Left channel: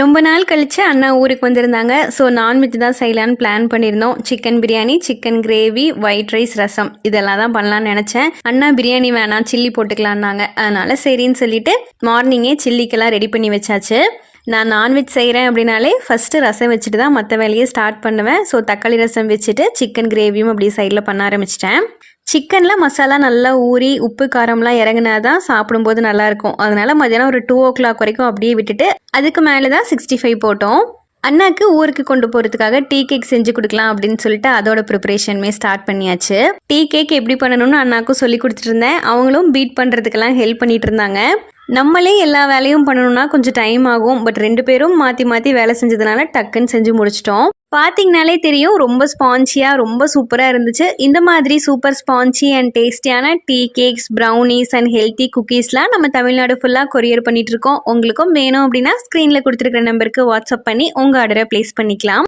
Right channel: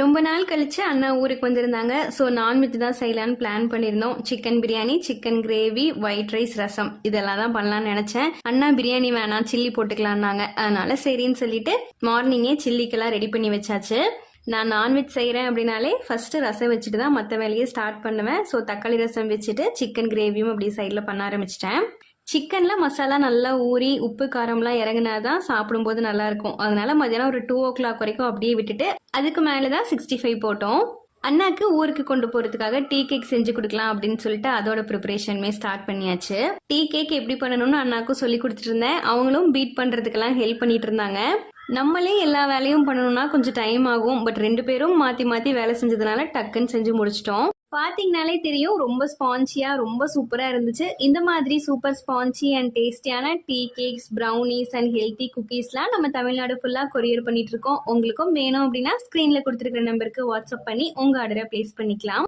ரொம்ப நாள் கழிச்சு அண்ணா ஊருக்கு வந்திருந்தாங்க. ஸோ நான்வெஜ் தான் செய்யலான்னு பிளான் பண்ணியிருந்தோம். Chicken biryani, chicken gravy, white rice, ரசம் இதெல்லாம் தான் பண்ணலான்னு நினச்சேன். அண்ணா பிரியாணி வேணாம் சில்லி போட்டுக்கலான்னாங்க. அதனால சரின்னு சொல்லிட்டு மார்னிங்கே சில்லிக்கெல்லாம் ரெடி பண்ணி வச்சாச்சு. நான் நான்வெஜ் செய்கிறேன் அப்படின்னாலே ஃபஸ்ட்டு ரசம் வச்சுட்டு தான் மற்ற வேலையை ஸ்டார்ட் பண்ணுவேன். ஸோ தக்காளி ரசம் வச்சுட்டு சிக்கன் கிரேவியும் அப்படி சைடில் பண்ண ஆரம்பிச்சிட்டேன். சிக்கனில் மசாலா நல்லா ஊறி உப்பு காரம்லாம் இறங்கினா தான் சாப்பிடும்போது நல்லாயிருக்கும். அதனால மதியானம் ஒரு 2 o'clock வரைக்கும் அப்படியே விட்டுட்டு அதுக்கு மேலே தான் 65 போட்டோம். அண்ணாக்கு ஊருக்கு கொண்டு போகிறதுக்காக டீ கேக் செஞ்சு கொடுக்கலாம் அப்படின்னு சொல்லிட்டு அதோட ப்ரிப்பரேஷனுமே ஸ்டார்ட் பண்ணியாச்சு. டீ கேக் எப்படி பண்ணணும்னு அண்ணாக்கும் சொல்லி கொடுத்துட்டு இருந்தேன். அவங்களும் பீட் பண்ணுறதுக்கெல்லாம் ஹெல்ப் பண்ணிட்டு இருந்தாங்க. நம்மளே எல்லா வேலையும் பண்ணணும்னா கொஞ்சம் டைம் ஆகும். பட் 2 பேரும் மாற்றி மாற்றி வேலை செஞ்சதுனால டக்குன்னு செஞ்சு முடிச்சிட்டோம். பார்த்தீங்கனாலே தெரியும் ரொம்ப ஸ்பான்ச்சியாக ரொம்ப சூப்பராக இருந்துச்சு. இந்த மாதிரி சூப்பர் ஸ்பான்ச்சி அண்ட் டேஸ்டியான tea cakes, brownies and healthy குக்கீஸ்லாம் நம்ம தமிழ்நாடு ஃபுல்லாக கொரியர் பண்ணிகிட்ருக்கோம். உங்களுக்கும் வேணும் அப்படின்னா ஸ்க்ரீனில் கொடுத்துருக்குற நம்பருக்கு வாட்ஸ்அப் பண்ணி உங்கள் ஆர்டரை ப்ளேஸ் பண்ணிக்கலாம்.